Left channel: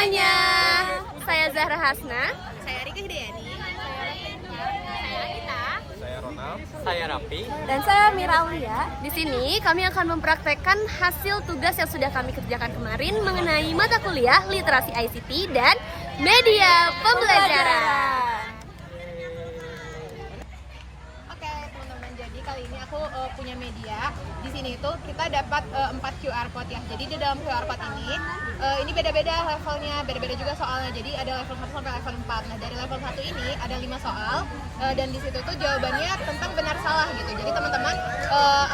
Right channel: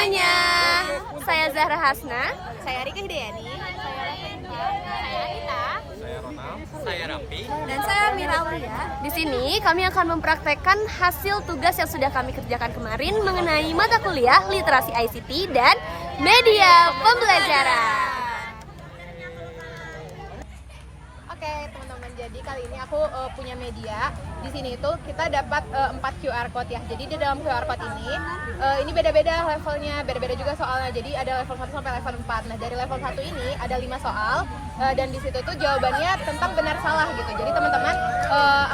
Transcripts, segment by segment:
semuanya, saya Zahra Hasna, Saya Rika Hidayani, saya Rafainta, saya Anita, Saya Ronald, saya Raffi. dan saya Mira Aulia. Di sini kami akan mempraktekkan hasil tugas yang sudah kami kerjakan kemarin mengenai mata kuliah literasi ICT dan media pembelajaran. Oke teman-teman, jadi kali ini aku punya media. Di sini itu kita dapat 4 QR code ya. Jadi di dalam QR code ini beda-beda levelnya, beda-beda juga soalnya. Jadi ada level 1 sampai level 4. Nah, dari level 1 ini ada 5 soal dan di situ tuh jawabannya tentang benar salah gitu. Jadi teman-teman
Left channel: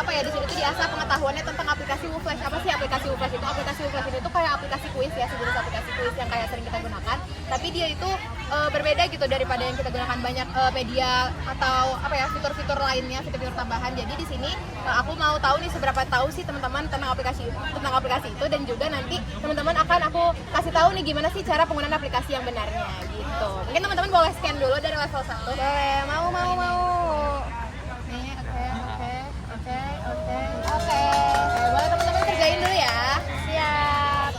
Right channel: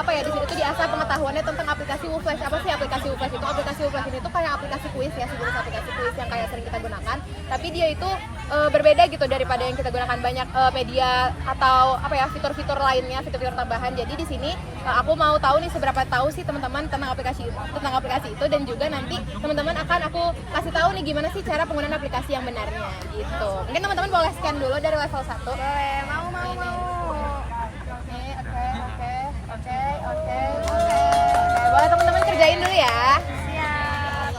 di sini tuh diasah pengetahuannya tentang aplikasi WooFlash. Apa sih aplikasi WooFlash itu? Aplikasi WooFlash ini tuh kayak aplikasi kuis ya, sejenis aplikasi kuis yang kayak sering kita gunakan. Tapi dia itu berbeda gitu daripada yang kita gunakan banyak media atau fitur-fitur lainnya, fitur-fitur tambahan. Jadi di sini aku mau tahu nih seberapa tahu sih teman-teman tentang aplikasi itu, dan juga nanti teman-teman akan aku kasih tahu nih gimana sih cara penggunaan aplikasi yang benarnya gitu. Mungkin teman-teman boleh scan dulu dari level 1. Mau. Nih, oke. Boleh teman-teman kerjain dulu ya. Siap.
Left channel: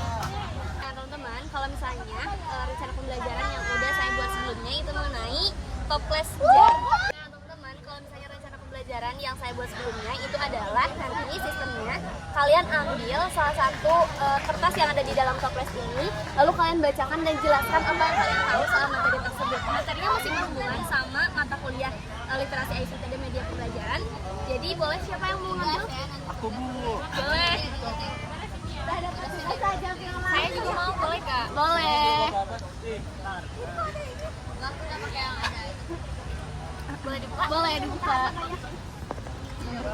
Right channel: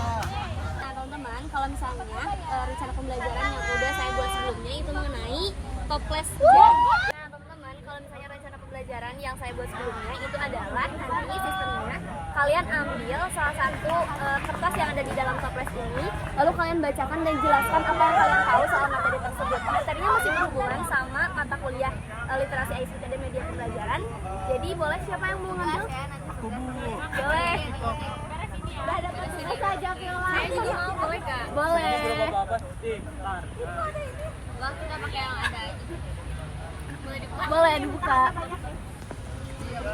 Nah teman-teman, kalau misalnya rencana pembelajaran yang udah saya buat sebelumnya itu mengenai toples jar. Nah teman-teman, kalau misalnya rencana pembelajaran yang saya buat sebelumnya itu adalah nanti sistemnya kalian ambil salah satu kertas yang ada di dalam toples ini, lalu kalian bacakan dan jelaskan apa yang kalian tahu soal materi tersebut. Materinya masih berhubungan sama mata kuliah literasi ICT dan media pembelajaran. Jadi boleh, siapa yang mau ngambil? Aku, Bu. Boleh. Saya juga mau, boleh Kak? Boleh. Boleh dibuka.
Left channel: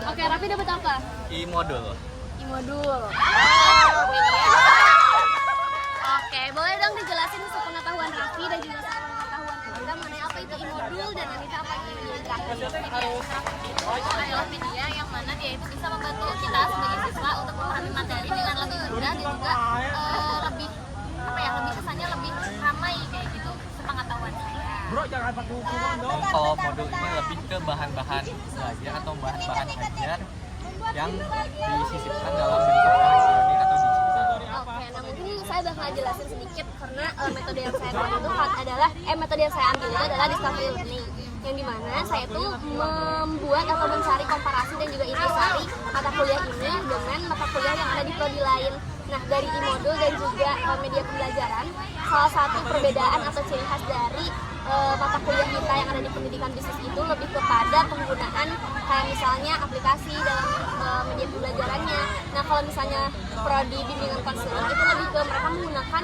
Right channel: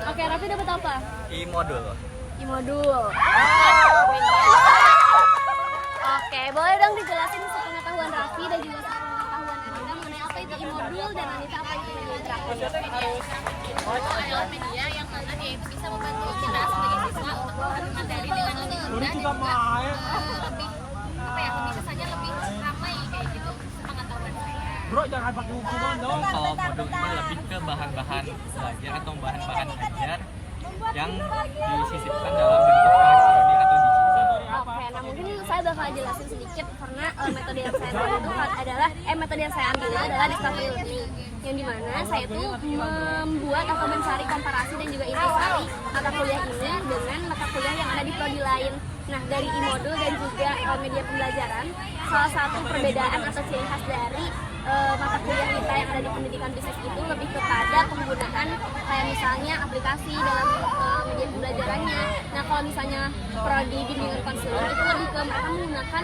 Oke, Raffi dapat apa? I-modul. Modul. Oke, boleh dong dijelasin sepengetahuan Raffi dan juga sepengetahuan Anita mengenai apa itu i-modul dan Anita apa itu media interaktif. Media interaktif itu adalah media yang mana dia itu bisa membantu kita sebagai siswa untuk memahami materi dengan lebih mudah dan juga lebih kesannya lebih ramai kayak gitu sepengetahuan saya. Kalau modul ini lebih ke bahan-bahan belajar atau bahan-bahan ajar yang disisipkan dalam bentuk elektronik atau digital. Oke, nah mungkin saya bakal jelasin sedikit karena metode yang saya buat itu adalah metode yang saya ambil itu adalah discovery learning, yang dimana saya tuh membuat atau mencari komparasi dan juga intisari mata kuliah ini dengan mata kuliah yang ada di prodi lain. Nah, dari i-modul dan juga media pembelajaran, salah satu perbedaan atau ciri khas dari mata kuliah kita yang ada di pendidikan bisnis itu lebih kepada penggunaan kayak misalnya aplikasi dalam media pembelajarannya. Nah, kalau misalnya prodi bimbingan konseling itu lebih ke mereka menggunakan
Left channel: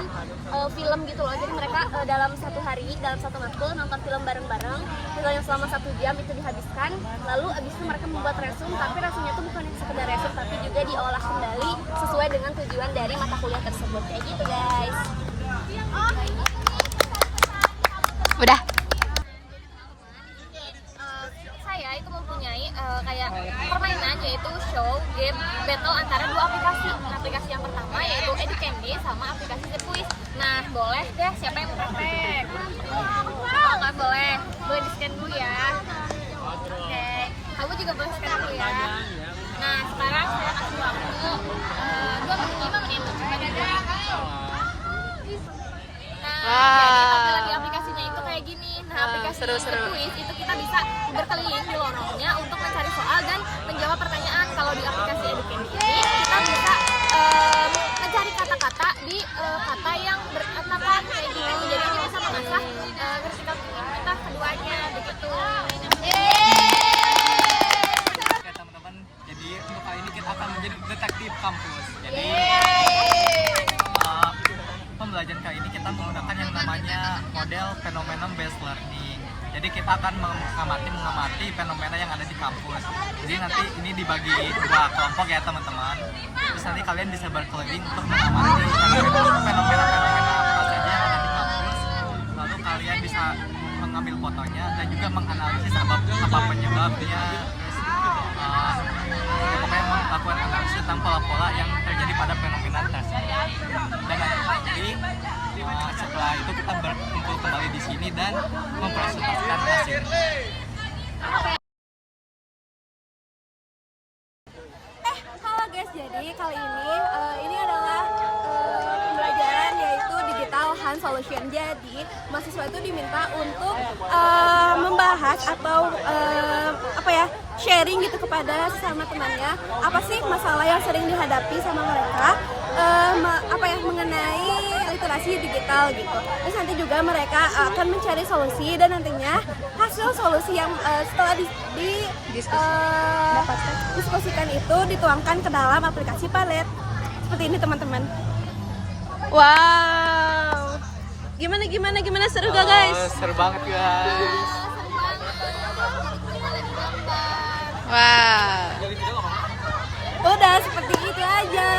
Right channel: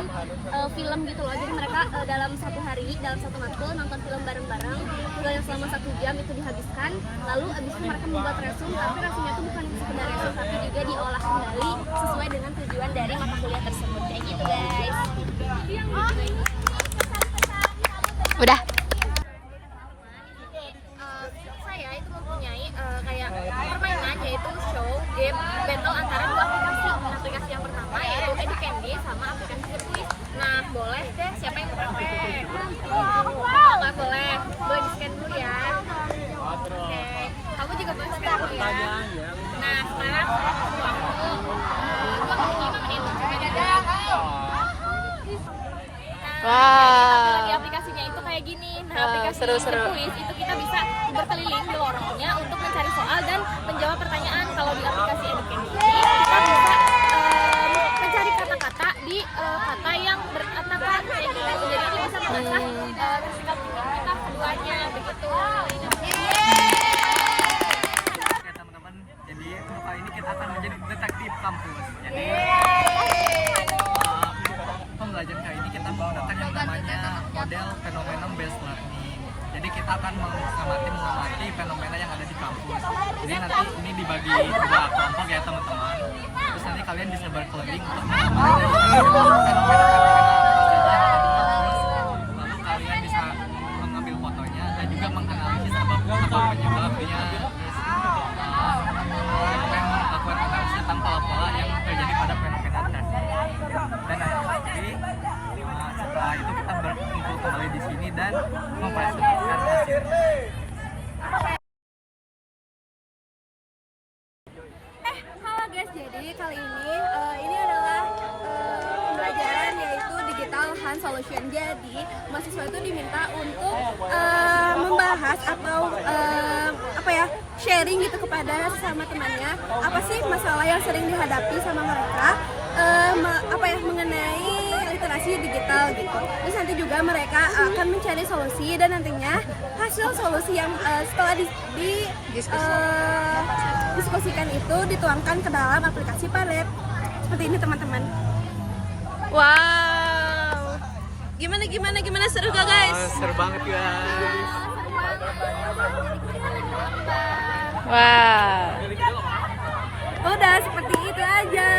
film gitu loh. Jadi mereka dalam satu hari, dalam satu matkul nonton film bareng-bareng, filmnya selama 1 jam itu dihabiskan. Lalu abis itu mereka membuat resume, tapi resume-nya itu bukan yang sekedar resume, tapi juga diolah kembali sesuai dengan tujuan dari mata kuliah tersebut. Kayak gitu guys. Udah. Saya itu mempunyai kayak permainan yaitu show, game, battle antara 2 aplikasi. Aplikasi yang pertama yaitu Educandy sama aplikasi Zepquiz. Nah, boleh deh siapa yang mau praktek? Oh, nggak boleh. Boleh di-scan dulu ya. Oke, kamu juga boleh scan dulu ya. Nah, sekarang saya kasih waktu 2 menit, 5 menit. Coba juga. Jadi tampilan di aplikasinya itu kayak gini. Nah, aplikasi seru-seru. Quiz itu kita bisa berkeliling di lorongnya untuk mencari soal dan menjawab pertanyaan. Kalau di aplikasi Educandy ini kita bisa mencari kata-kata di kata yang berantakan kayak gitu. Jadi ini bisa mengasah critical thinking kita keduanya begitu. Oke teman-teman, jadi untuk kali ini kita akan menjadi detektif kampus. Jadi pembelajaran kali ini kita menggunakan yang namanya model fenomena based learning. Jadi kita akan mengamati fenomena yang ada di kampus. Jadi nanti ini dibagi 2 kelompok ya teman-teman. Terus nanti kalian bisa berkeliling untuk mengamati fenomena apa saja yang ada di kampus. Lalu kalian bisa mengambil fotonya dan juga menganalisis apa penyebabnya. Pokoknya melakukan analisis tentang pola-pola yang terjadi pada fenomena tersebut. Dan nanti setelah itu kita berkumpul kembali di sini dan mempresentasikan hasil. Halo guys, jadi kali ini adalah pembelajaran yaitu digital menciptakan solution. Jadi mahasiswa itu diminta untuk membahas atau sharing gitu kepada sesama temannya, apa sih masalah yang sering dihadapi sama mereka, mengenai literasi digital gitu. Terus nanti juga mereka akan mencari solusi, dan nantinya hasil solusi yang setelah diskusikan itu dituangkan ke dalam aplikasi Palet. Seperti ini teman-teman. Wow. Gimana seru gak guys? Seru banget guys. Wow. Udah seperti itu aja.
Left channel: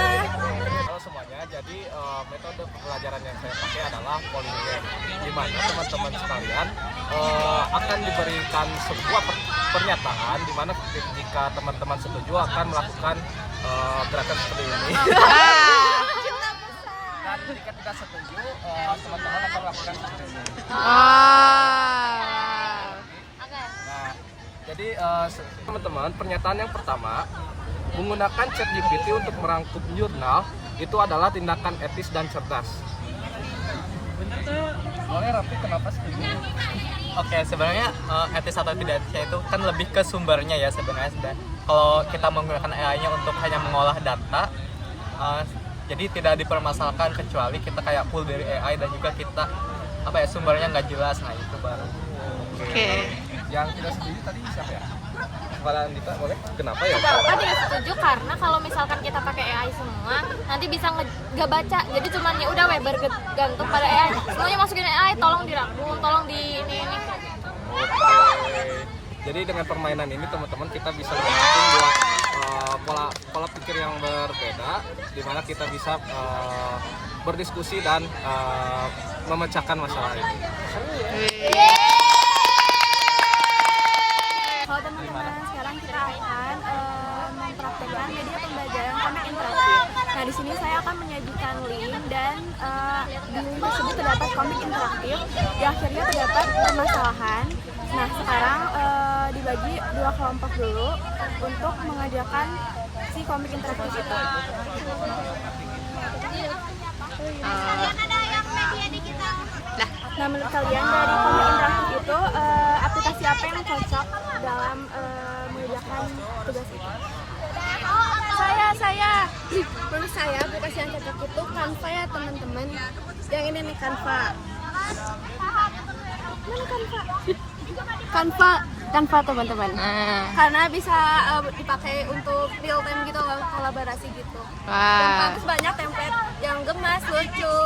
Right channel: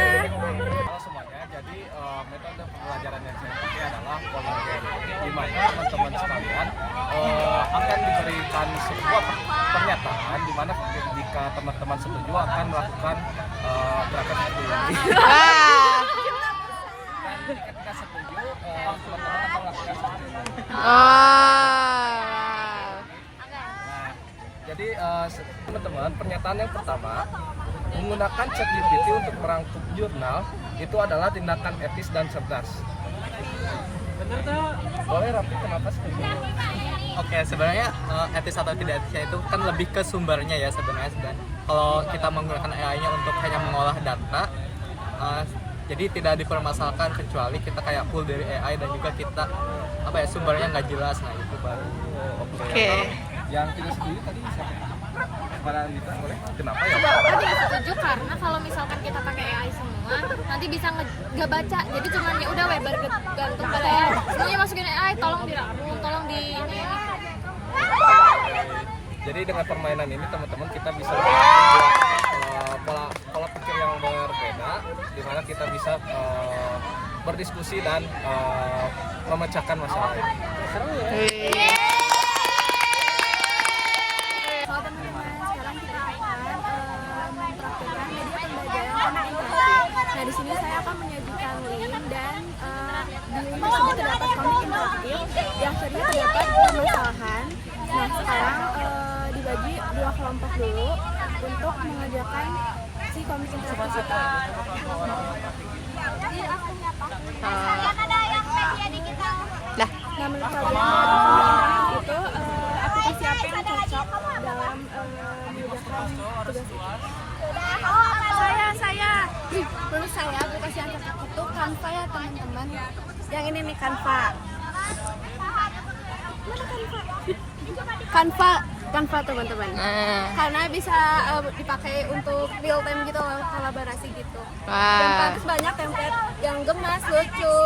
Halo semuanya, jadi metode pembelajaran yang saya pakai adalah polling game, di mana teman-teman sekalian akan diberikan sebuah pernyataan, di mana jika teman-teman setuju akan melakukan gerakan seperti ini. Wah. Dan jika tidak setuju, teman-teman akan melakukan seperti ini. Wow. Nah, jadi teman-teman, pernyataan yang pertama, menggunakan ChatGPT untuk merangkum jurnal itu adalah tindakan etis dan cerdas. Bener tuh. Boleh Rafi, kenapa setuju? Oke, sebenarnya etis atau tidak etisnya itu kan lebih ke sumbernya ya sebenarnya. Kalau kita menggunakan AI-nya untuk hanya mengolah data, jadi tidak dipermasalahkan kecuali kita kayak full dari AI dan juga kita sumbernya nggak jelas. Nah itu baru. Oke. Yang tidak setuju tadi siapa ya? Kalau Dita boleh? Kenapa ya? Kenapa tidak setuju? Karena kalau misalkan kita pakai AI semua, nanti bisa nggak baca. Jadi cuman ya udah bergantung pada AI. Semuanya masukin AI, tolong dirangkum, tolong di ini. Jadi dengan permainan ini teman-teman kita bisa merangkum dua pola pikir yang berbeda, di mana kita bisa berdiskusi dan memecahkan masalah ini. Halo teman-teman, sekarang kita akan mempraktekkan media pembelajaran komik interaktif. Nah, di sini saya akan menyajikan link, dan di link tersebut terdapat komik interaktif. Di akhirnya terdapat permasalahan. Nah, sekarang dibagi dua kelompok dulu untuk mengerjakan si komik interaktif itu. Nah, menurut kalian dari komik interaktif itu aplikasi apa yang cocok dalam mengerjakan tugas itu? Menurut saya aplikasi yang cocok itu Canva ya teman-teman. Yang ini nih Canva. Mana Canva teman-teman. Karena bisa dipakai untuk real time gitu, kolaborasi gitu. Dan pantas banyak template yang gemas, lucu.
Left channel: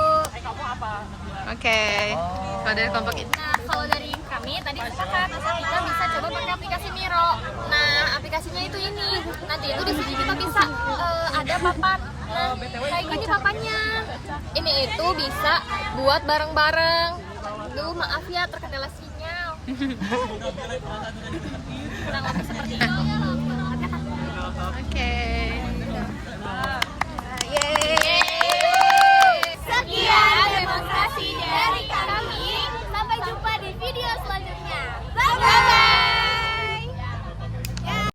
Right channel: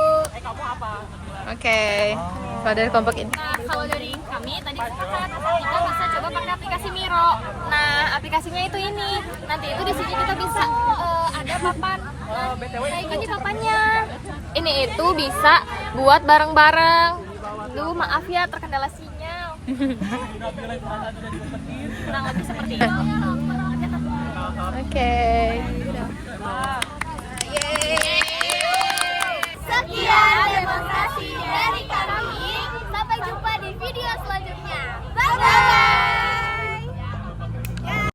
Oke. Kalau dari kelompok ini. Nah, kalau dari kami tadi sepakat kita bisa coba pakai aplikasi Miro. Nah, aplikasinya itu ini. Nanti itu di sini kita bisa ada papan. Nah, kayak gini papannya. Ini itu bisa buat bareng-bareng. Duh, maaf ya terkendala sinyal. Kurang lebih seperti itu. Oke.